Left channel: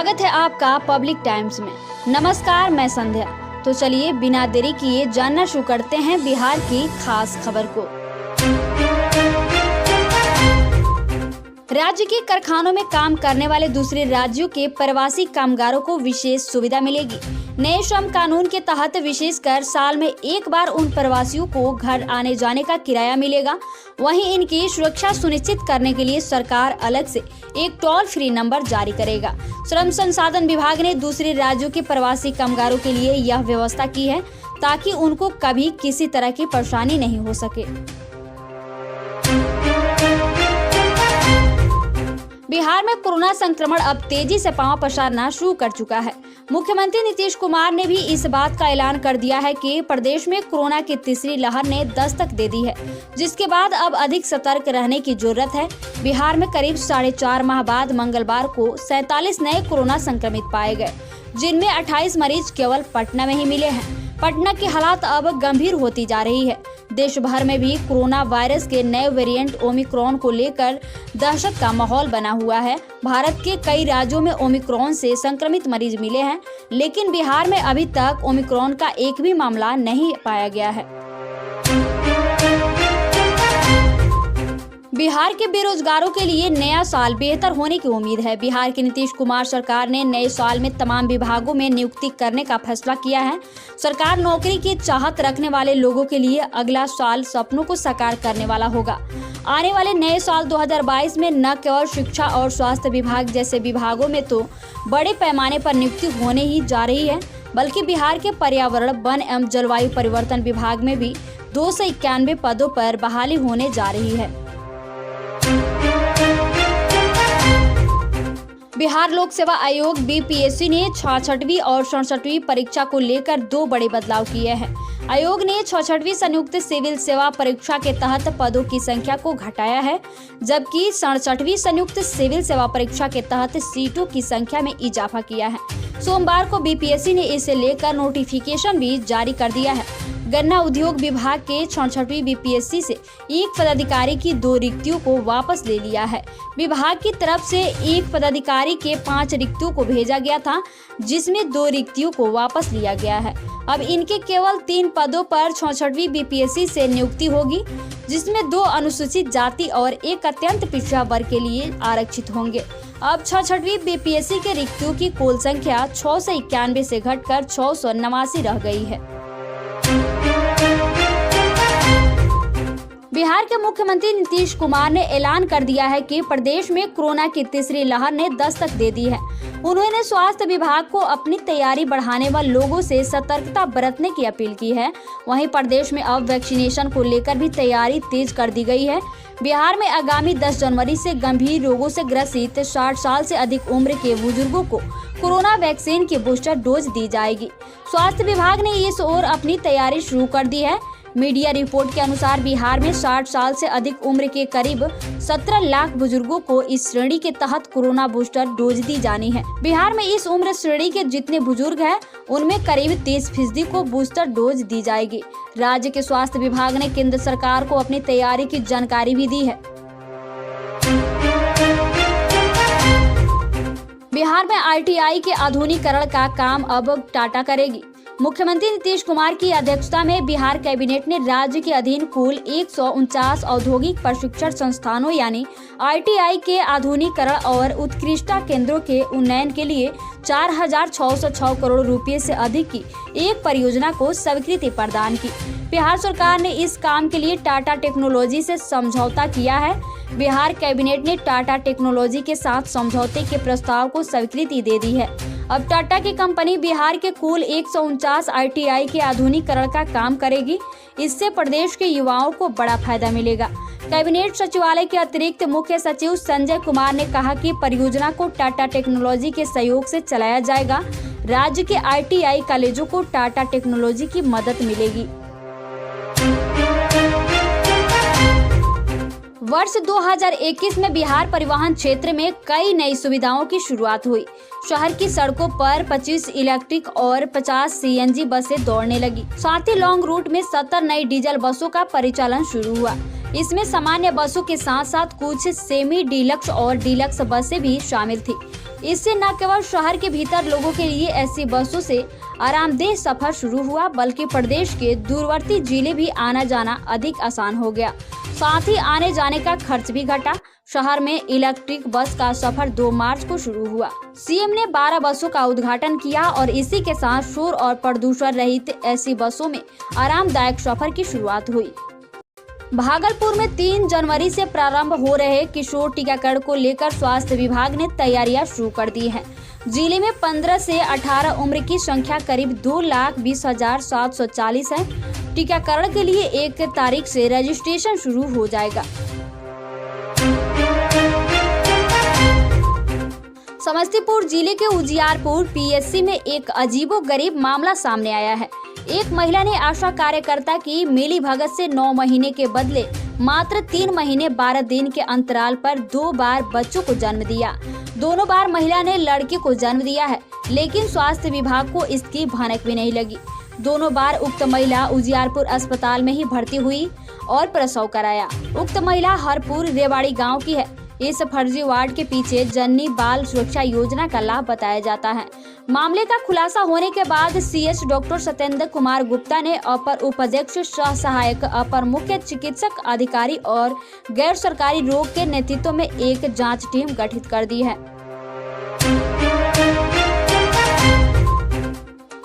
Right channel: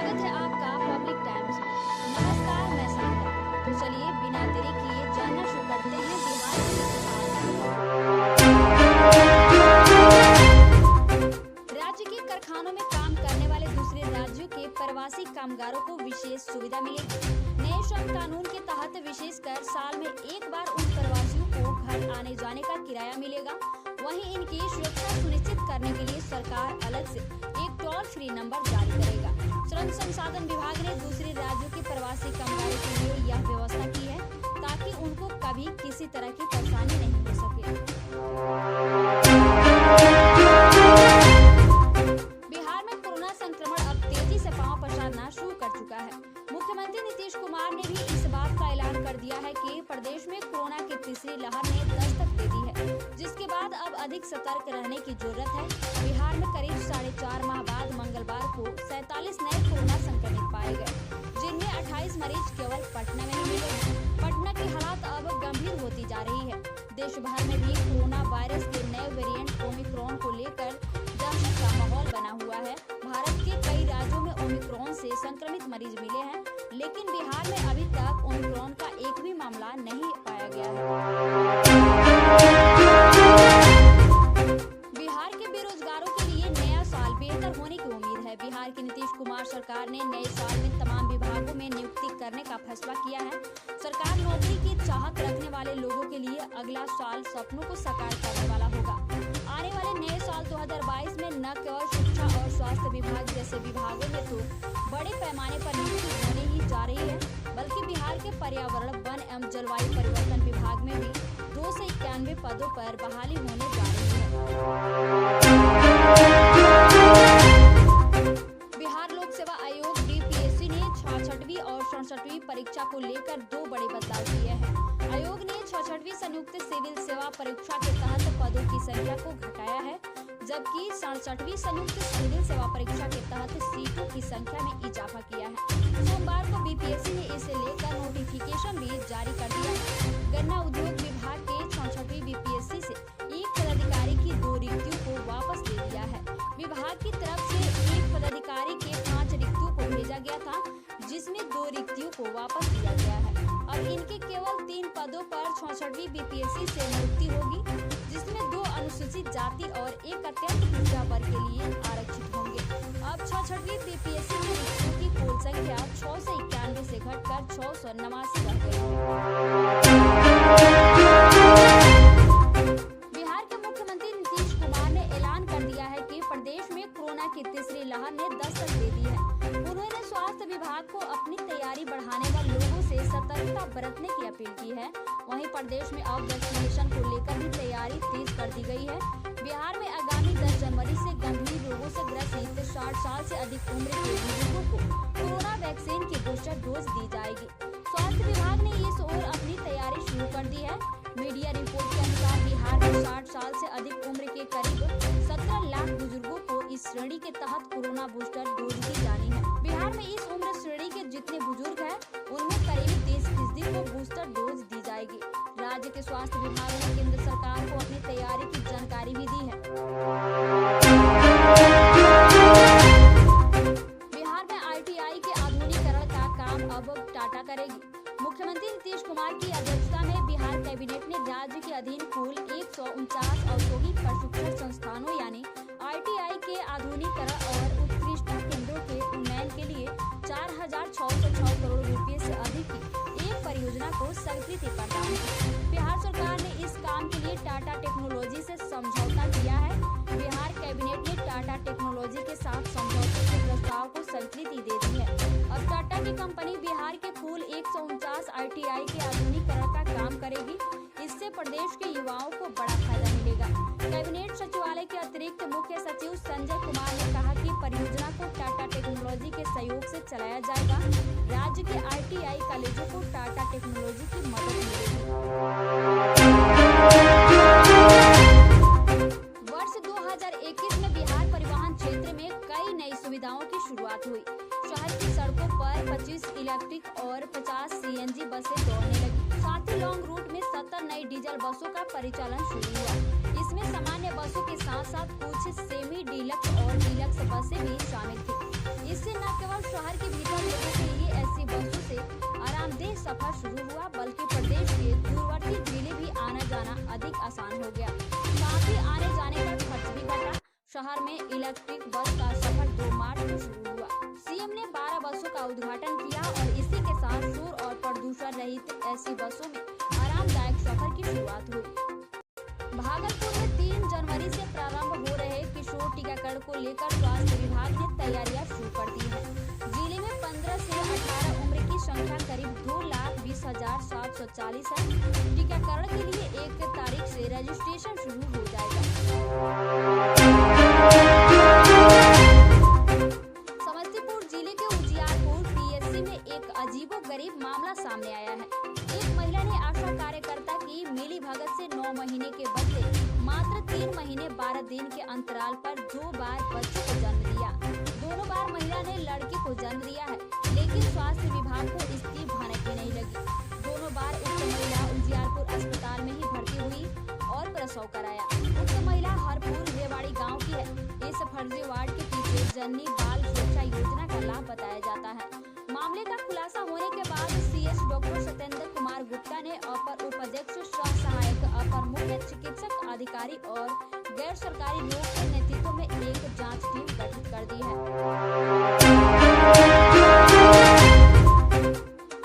स्वागत है आपका पब्लिक टाइम्स में। नमस्कार, मैं संध्या। तो चलिए बिना देरी किए जानना शुरू करते हैं बिहार की खास खबर को। राज्य के कारखानों में काम करने वाले दूसरे राज्यों के प्रवासी कामगारों को विशेष सुविधा मिलेगी। नए श्रम कानून के तहत विशेषकर साल में एक बार उन प्रवासियों को घर आने जाने का किराया मिलेगा। वहीं इनकी सुरक्षा सुनिश्चित करने के लिए सरकार अलग से एक टोल फ्री नंबर जारी करेगा। श्रम संसाधन विभाग ने दूसरे राज्यों के प्रवासी कामगारों के लिए यह व्यवस्था की है ताकि उनको कभी किसी तरह की परेशानी नहीं हो सके। बिहार में कोरोना संक्रमण अब तेजी से पांव पसारना शुरू कर चुका है। मुख्यमंत्री नीतीश कुमार ने भी इस बात का ऐलान कर दिया है कि प्रदेश में कोरोना की तीसरी लहर ने दस्तक दे दी है, जिसके बाद अब अधिक सतर्क रहने की जरूरत है। बिहार में करीब 4.5 माह बाद मंगलवार को 47 नए कोरोना संक्रमित पाए गए, जिनमें 28 मरीज केवल पटना में ही मिले हैं। पटना की हालात अब गंभीर होती जा रही है। देश भर में भी कोरोना वायरस के नए वेरिएंट ओमिक्रॉन को लेकर दहशत का माहौल बना हुआ है। भारत के कई राज्यों में ओमिक्रॉन से संक्रमित मरीज मिले हैं, लेकिन बिहार में अभी तक ओमिक्रॉन का एक भी मामला नहीं पाया गया है। बिहार के बेरोजगारों के लिए नया साल बेहतर होने की उम्मीद है। बिहार की नीतीश कुमार सरकार ने नए साल में तमाम विभागों में नियुक्ति करने का फैसला किया है। सरकार नौकरी की चाहत रखने वाले लोगों के लिए अगला साल सपनों को साकार करने वाला होगा। आने वाले नए साल 2022 में न केवल शिक्षा और स्वास्थ्य विभाग जैसे विभागों में तो बड़े पैमाने पर नियुक्ति होने ही जा रही है, बल्कि बिहार के पर्यावरण, वन एवं जलवायु परिवर्तन विभाग में भी 291 पदों पर बहाली होने जा रही है। बिहार लोक सेवा आयोग बीपीएससी ने 66वीं और 67वीं परीक्षा को लेकर 2 बड़े बदलाव किए हैं। आयोग ने 66वीं संयुक्त सिविल सेवा परीक्षा के तहत पदों की संख्या को घटाया है, जबकि 67वीं संयुक्त सिविल सेवा परीक्षा के तहत सीटों की संख्या में इजाफा किया है। सोमवार को बीपीएससी ने इसे लेकर नोटिफिकेशन भी जारी कर दिया है। गन्ना उद्योग विभाग के 66वीं बीपीएससी से एक पदाधिकारी की 2 रिक्तियों को वापस ले लिया है। विभाग की तरफ से एक पदाधिकारी के 5 रिक्तियों को भेजा गया था, जिसमें 2 रिक्तियों को वापस लिया गया है। अब इनके केवल 3 पदों पर 66वीं बीपीएससी से नियुक्ति होगी, जिसमें 2 अनुसूचित जाति और एक अत्यंत पिछड़ा वर्ग के लिए आरक्षित होंगे। अब 66वीं बीपीएससी के रिक्तियों की कुल संख्या 691 से घटकर 689 रह गई है। बिहार के मुख्यमंत्री नीतीश कुमार ने ऐलान कर दिया है कि प्रदेश में कोरोना की तीसरी लहर ने दस्तक दे दी है। उन्होंने स्वास्थ्य विभाग को अपनी तैयारी बढ़ाने व लोगों से सतर्कता बरतने की अपील की है। वहीं प्रदेश में अब वैक्सीनेशन को लेकर भी तैयारी तेज कर दी गई है। बिहार में आगामी 10 जनवरी से गंभीर रोगों से ग्रसित 60 साल से अधिक उम्र के बुजुर्गों को कोरोना वैक्सीन की बूस्टर डोज दी जाएगी। स्वास्थ्य विभाग ने इस ओर अपनी तैयारी शुरू कर दी है। मीडिया रिपोर्ट के अनुसार बिहार में 60 साल से अधिक उम्र के करीब 17 लाख बुजुर्गों को इस श्रेणी के तहत कोरोना बूस्टर डोज दी जानी है। बिहार में इस उम्र श्रेणी के जितने बुजुर्ग हैं, उनमें करीब 30% को बूस्टर डोज दी जाएगी। राज्य के स्वास्थ्य विभाग ने केंद्र सरकार को अपनी तैयारी की जानकारी भी दी है। बिहार में आईटीआई के आधुनिकीकरण का काम अब टाटा करेगी। मुख्यमंत्री नीतीश कुमार की अध्यक्षता में बिहार कैबिनेट ने राज्य के अधीन कुल 149 औद्योगिक प्रशिक्षण संस्थानों यानी आईटीआई के आधुनिकीकरण और उत्कृष्टता केंद्रों के उन्नयन के लिए 4,606 करोड़ रुपए से अधिक की एक परियोजना को स्वीकृति प्रदान की। बिहार सरकार ने इस काम के लिए टाटा टेक्नोलॉजी से समझौता किया है। बिहार कैबिनेट ने टाटा टेक्नोलॉजी के साथ समझौते के प्रस्ताव को स्वीकृति दे दी है। अब टाटा की कंपनी बिहार के कुल 149 आईटीआई के आधुनिकीकरण का काम करेगी। इससे प्रदेश के युवाओं को बड़ा फायदा मिलेगा। कैबिनेट सचिवालय के अतिरिक्त मुख्य सचिव संजय कुमार ने कहा कि परियोजना को टाटा टेक्नोलॉजी के सहयोग से चलाया जाएगा। राज्य के आईटीआई कॉलेजों को टाटा टेक्नोलॉजी की मदद मिलेगी। वर्ष 2021 में बिहार परिवहन क्षेत्र में कई नई सुविधाओं की शुरुआत हुई। शहर की सड़कों पर 25 इलेक्ट्रिक और 50 सीएनजी बसें दौड़ने लगी। साथ ही लॉन्ग रूट में 70 नई डीजल बसों का परिचालन शुरू हुआ। इसमें सामान्य बसों के साथ साथ कुछ सेमी डीलक्स और डीलक्स बसें भी शामिल थी। इससे न केवल शहर के भीतर लोगों के लिए ऐसी बसों से आरामदेह सफर शुरू हुआ, बल्कि प्रदेश के दूरवर्ती जिले भी आना जाना अधिक आसान हो गया। साथ ही आने जाने का खर्च भी घटा। शहर में इलेक्ट्रिक बस का सफर 2 मार्च को शुरू हुआ। सीएम ने 12 बसों का उद्घाटन किया और इसी के साथ शोर और प्रदूषण रहित ऐसी बसों में आरामदायक सफर की शुरुआत हुई। भागलपुर में 3 जनवरी से प्रारंभ हो रहे किशोर टीकाकरण को लेकर स्वास्थ्य विभाग ने तैयारियां शुरू कर दी हैं। जिले में 15 से 18 उम्र की संख्या करीब 2,20,740 है। टीकाकरण के लिए 1 तारीख से रजिस्ट्रेशन शुरू हो जाएगा। समस्तीपुर जिले के उजियारपुर पीएचसी में एक अजीबोगरीब मामला सामने आया है। एक महिला ने आशा कार्यकर्ता की मिलीभगत से 9 महीने के बदले मात्र 3 महीने 12 दिन के अंतराल पर 2 बार बच्चों को जन्म दिया। दोनों बार महिला ने लड़के को जन्म दिया है, लेकिन स्वास्थ्य विभाग को इसकी भनक भी नहीं लगी। दोनों बार उक्त महिला उजियारपुर अस्पताल में ही भर्ती हुई और प्रसव कराया। उक्त महिला हरपुर रेवाड़ी गाँव की है। इस फर्जी वार्ड के पीछे जननी बाल सुरक्षा योजना का लाभ बताया जाता है। मामले का खुलासा होने के बाद सीएच डॉक्टर सत्येंद्र कुमार गुप्ता ने अपर उपाध्यक्ष सह सहायक अपर मुख्य चिकित्सक अधिकारी और गैर सरकारी रोग के नेतृत्व में एक जांच टीम गठित कर दी है।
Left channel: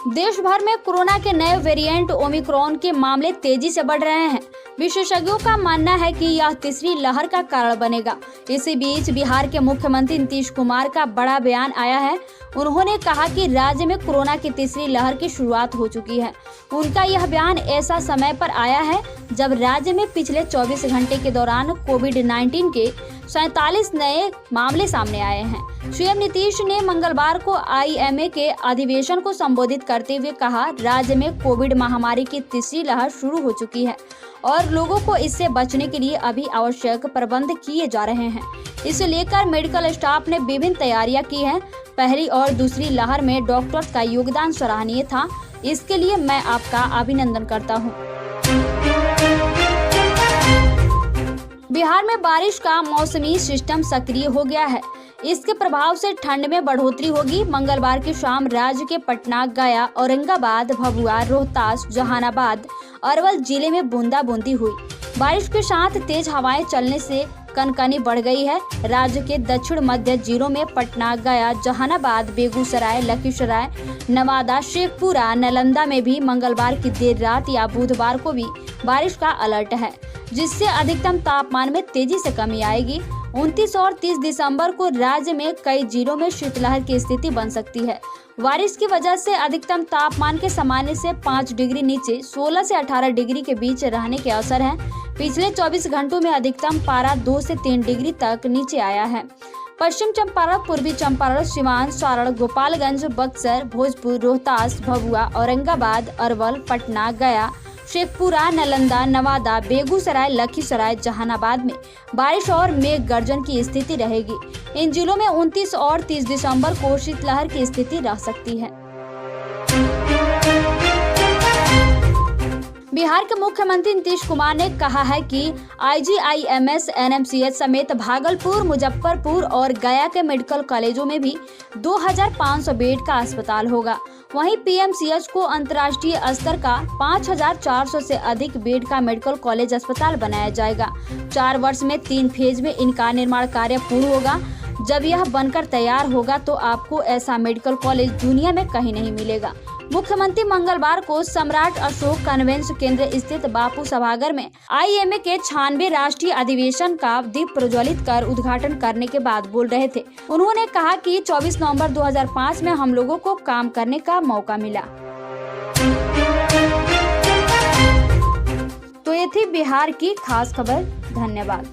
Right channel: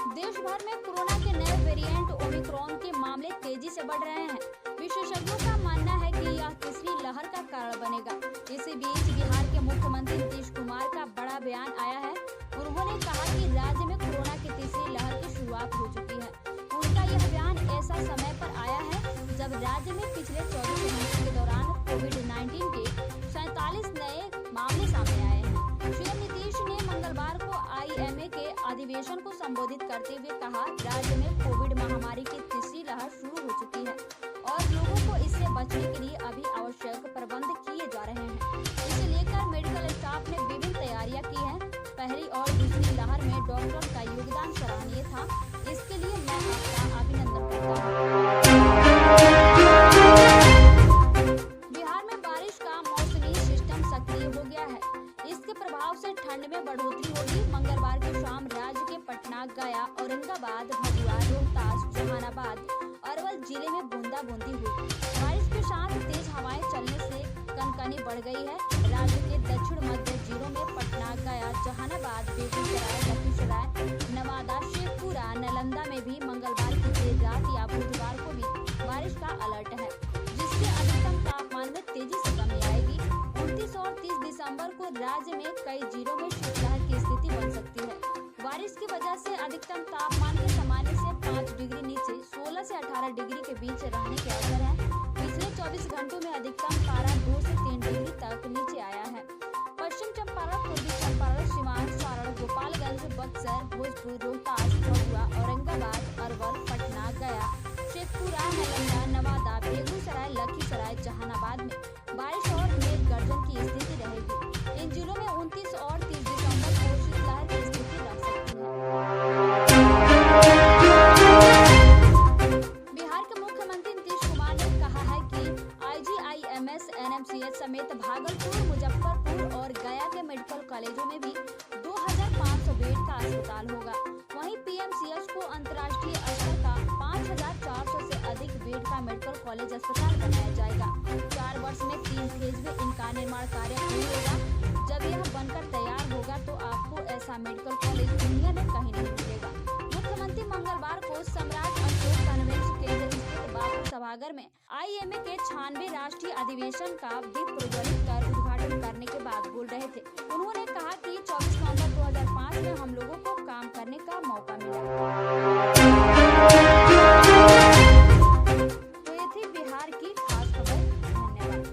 देश भर में कोरोना के नए वेरिएंट ओमिक्रॉन के मामले तेजी से बढ़ रहे हैं। विशेषज्ञों का मानना है कि यह तीसरी लहर का कारण बनेगा। इसी बीच बिहार के मुख्यमंत्री नीतीश कुमार का बड़ा बयान आया है। उन्होंने कहा कि राज्य में कोरोना की तीसरी लहर की शुरुआत हो चुकी है। उनका यह बयान ऐसा समय पर आया है जब राज्य में पिछले 24 घंटे के दौरान कोविड-19 के 47 नए मामले सामने आए हैं। सीएम नीतीश ने मंगलवार को आईएमए के अधिवेशन को संबोधित करते हुए कहा, राज्य में कोविड महामारी की तीसरी लहर शुरू हो चुकी है और लोगों को इससे बचने के लिए अभी आवश्यक प्रबंध किए जा रहे हैं। इसे लेकर मेडिकल स्टाफ ने विभिन्न तैयारियां की हैं। पहली और दूसरी लहर में डॉक्टर्स का योगदान सराहनीय था। इसके लिए मैं आपका अभिनंदन करता हूं। बिहार में बारिश का मौसमी सिस्टम सक्रिय हो गया है। इसके प्रभाव से ठंड में बढ़ोतरी होगी। मंगलवार की शाम राज्य के पटना, गया, औरंगाबाद, भभुआ, रोहतास, जहानाबाद, अरवल जिले में बूंदाबूंदी हुई। बारिश के साथ तेज हवाएं चलने से कनकनी बढ़ गई है। राज्य के दक्षिण मध्य जिलों में पटना, गया, जहानाबाद, बेगूसराय, लखीसराय, नवादा, शेखपुरा, नालंदा में भी मंगलवार की देर रात या बुधवार को भी बारिश का अलर्ट है, जिससे अधिकतम तापमान में तेजी से कमी आएगी। 29 और 30 दिसंबर को राज्य में कई जिलों में शीतलहर की स्थिति बन सकती है। बारिश की वजह से अधिकतम तापमान के सामान्य से 5 डिग्री नीचे 16 से 18 डिग्री के बीच रहने के अवसर हैं। पिछले 24 घंटों में अधिकतम पारा 2 से 3 डिग्री तक नीचे आया है। पश्चिम चंपारण, पूर्वी चंपारण, सिवान, सारण, गोपालगंज, बक्सर, भोजपुर, रोहतास, भभुआ, औरंगाबाद, अरवल, पटना, गया, शेखपुरा, नालंदा, नवादा, बेगूसराय, लखीसराय, जहानाबाद में बारिश और मेघ गर्जन की स्थिति रहेगी। इन जिलों में 29 और 30 दिसंबर को शीतलहर की स्थिति रह सकती है। बिहार के मुख्यमंत्री नीतीश कुमार ने कहा है कि आईजीआईएमएस, एनएमसीएच समेत भागलपुर, मुजफ्फरपुर और गया के मेडिकल कॉलेजों में भी 2500 बेड का अस्पताल होगा। वहीं पीएमसीएच को अंतर्राष्ट्रीय स्तर का 5400 से अधिक बेड का मेडिकल कॉलेज अस्पताल बनाया जाएगा। 4 वर्ष में 3 फेज में इनका निर्माण कार्य पूर्ण होगा। जब यह बनकर तैयार होगा तो आपको ऐसा मेडिकल कॉलेज दुनिया में कहीं नहीं मिलेगा। मुख्यमंत्री मंगलवार को सम्राट अशोक कन्वेंशन केंद्र स्थित बापू सभागार में आईएमए के 96 राष्ट्रीय अधिवेशन का दीप प्रज्वलित कर उद्घाटन करने के बाद बोल रहे थे। उन्होंने कहा कि 24 नवंबर 2005 में हम लोगों को काम करने का मौका मिला। तो ये थी बिहार की खास खबर। धन्यवाद।